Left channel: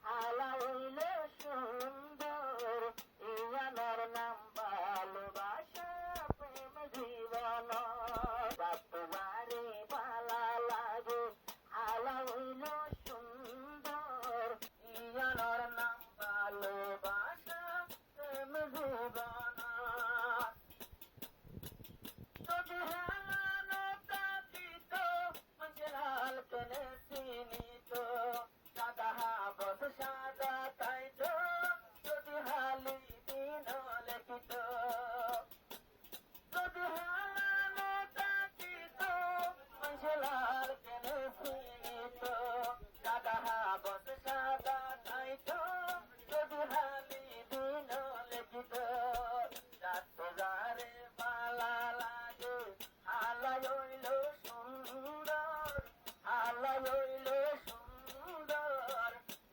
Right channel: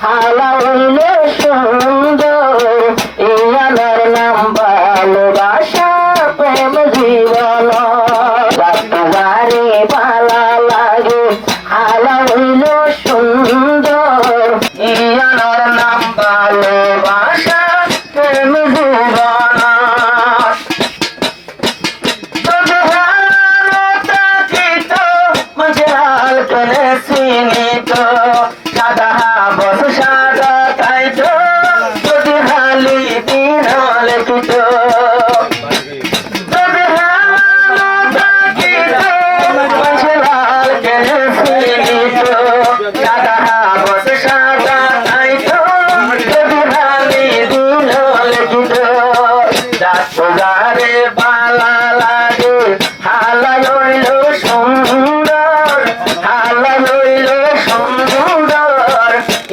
হালা হইলে সুন্দর ইয়ানার নাম ভালোবাসা প্রেম জীবন যারে ভালা লাগে হালা হইল সুন্দর ইয়ানার নাম ভালোবাসা প্রেম জীবন চিনিত সাদা বস সাদা তাইতো যদি হালি দিন লেখিত যদি লাল কেনে চিনিত সাদা বস সাদা তাইতো যদি হালি দিন লেখিত যারে বালা লাগে হালাই হইল সুন্দর হালাই হইল সুন্দর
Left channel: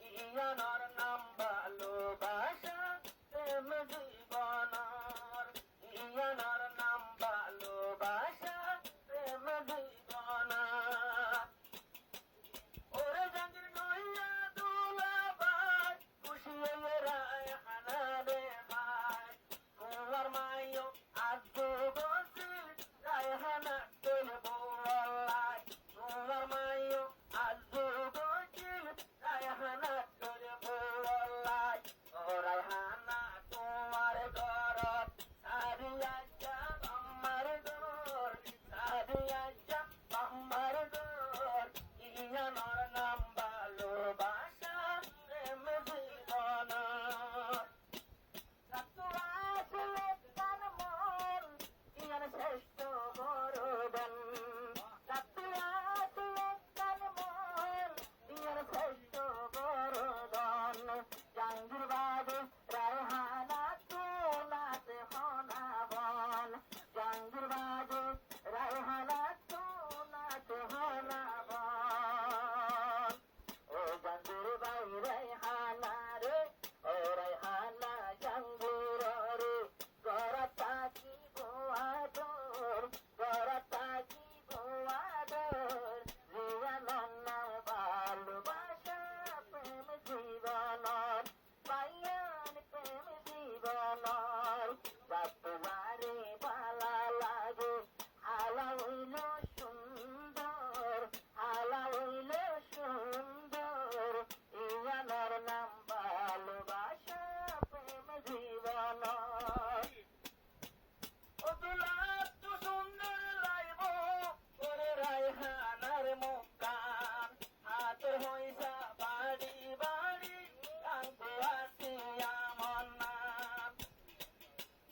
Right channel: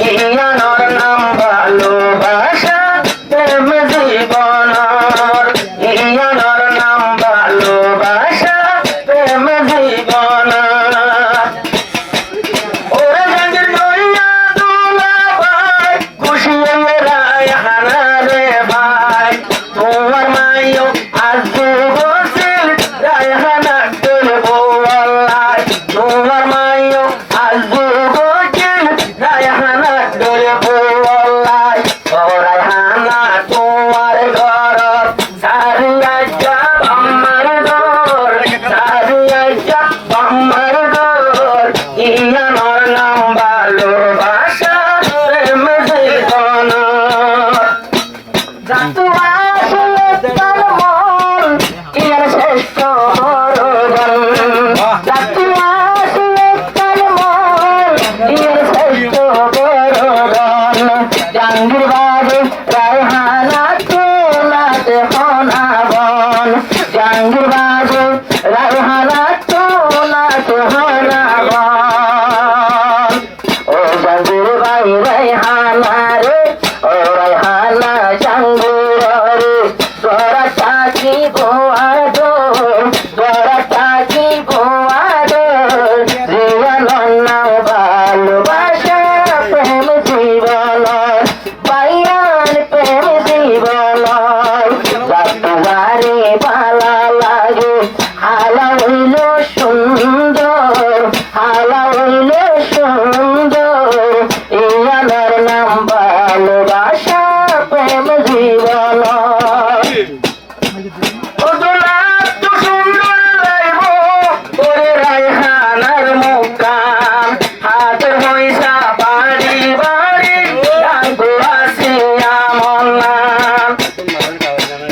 ইয়ানোর নাম ভালোবাসা প্রেম জীবন ইয়ানোর নাম ভালোবাসা প্রেম জীবন ওরে জাঙ্গির নইয়া দুলা ভাই খুশি রায় হানা রে ভাই তোমার মাইও আজকে বসিল রায় হানা করবো আল্লাহ তোমার মাইও আজকে বসিল রায় হানা করবো আল্লাহ ও রায় হানা তোমার ঘর সারিয়া যা আমার ঘর সারিয়া যা আমার ঘর ইয়ানোর নাম ভালোবাসা প্রেম জীবন যাতু আসলে তার মন ইয়ার শ্রেষ্ঠ বরদান যাতু আসলে তার মন ইয়ার শ্রেষ্ঠ বরদান জাঙ্গির বাজে রায়হানা তোলাতে হনাবন জাঙ্গির বাজে রায়হানা তোলাতে হনাবন ও জাঙ্গির ভাই রায়হানা রে ও রায়হানা জাঙ্গির রে তোরা চাকি বোয়াদো তোরা চাকি বোয়াদো জীবন নাও ভালোবাসা প্রেম জীবন পাইয়ান প্রেম জীবন যারে ভালা লাগে হালা হইল সুন্দর হালা হইল সুন্দর ইয়ানার নাম ভালোবাসা প্রেম জীবন রায়হানার মুকাম হাতের পয়সা বাড়ি বাড়ি গাঙ্গু আসিয়া মন্নাম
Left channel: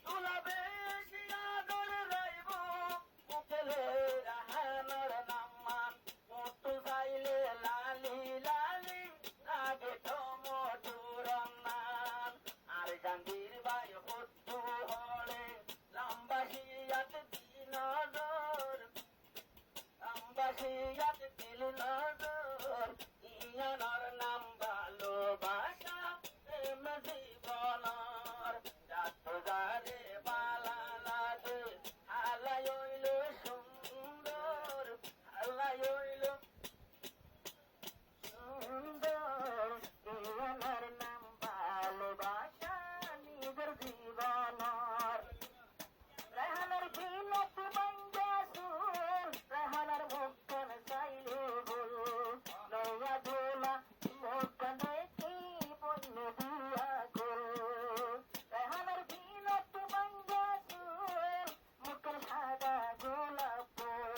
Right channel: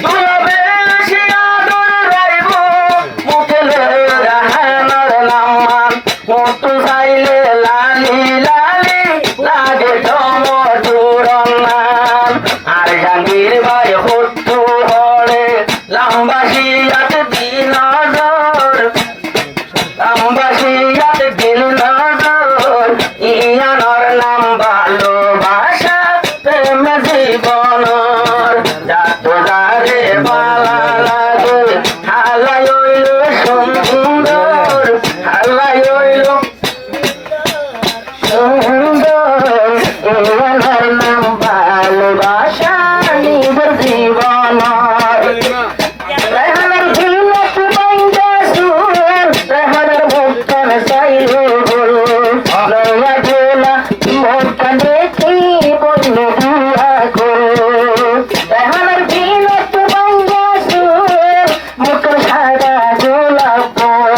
দুলবে আসিয়া দৌড়াইব মুখে রায়হানার নাম মতো চাইলে লালি লালি লাগে টমটুর নাম আর জাঙ্গির ভাই হত্যু হরে লাম্বাসিয়াতে দিন আমবাসিয়াতে দিল নজর ইয়ানোর নাম ভালোবাসা প্রেম জীবন যারে ভালা লাগে হালাই হইল সুন্দর হালাই হইল সুন্দর ইয়ানোর নাম ভালোবাসা নিজের জীবন রায়হানার ঝিলক বাইন্দা সুর রায়হানার মুক্তান চাইলে বল লয়া ঝোলা মুক্তান দেখি বন্য দুয়া করো রায়হানার ঝিলক বাইন্দা সুর মুক্তান সাদা গোলাপ বল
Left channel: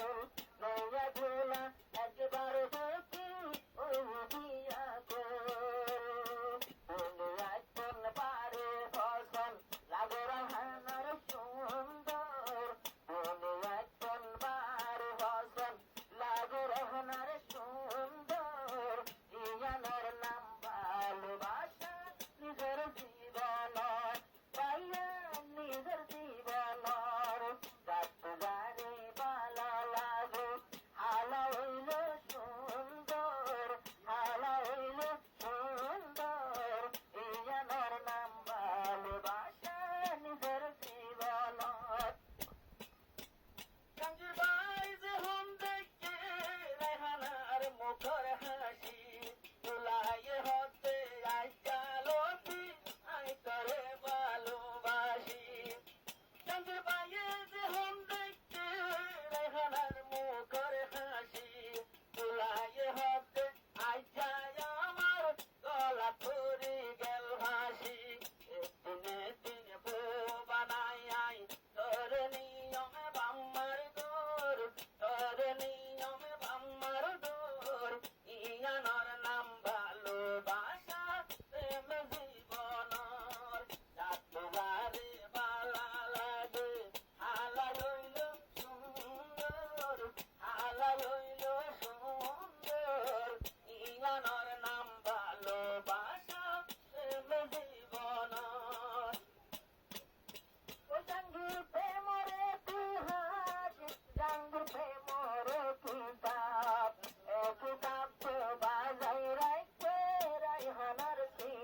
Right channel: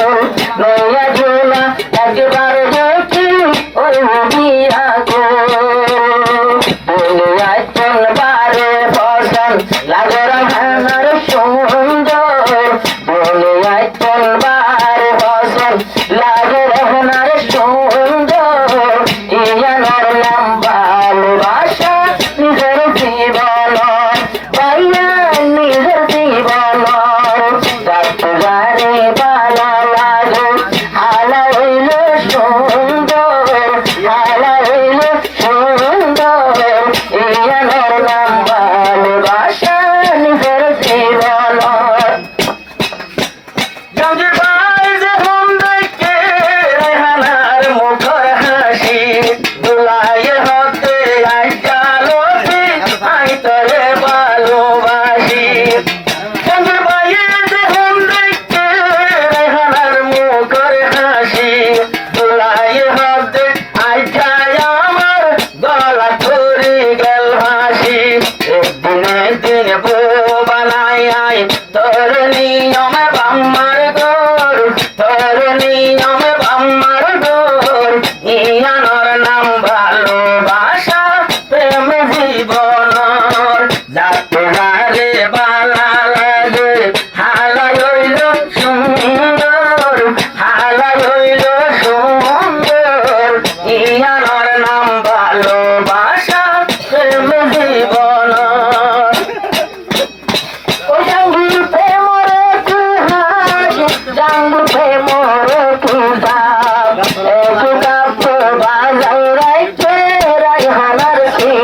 লয়া ঝোলা একবার দেখি ওই বিয়া করো গেছি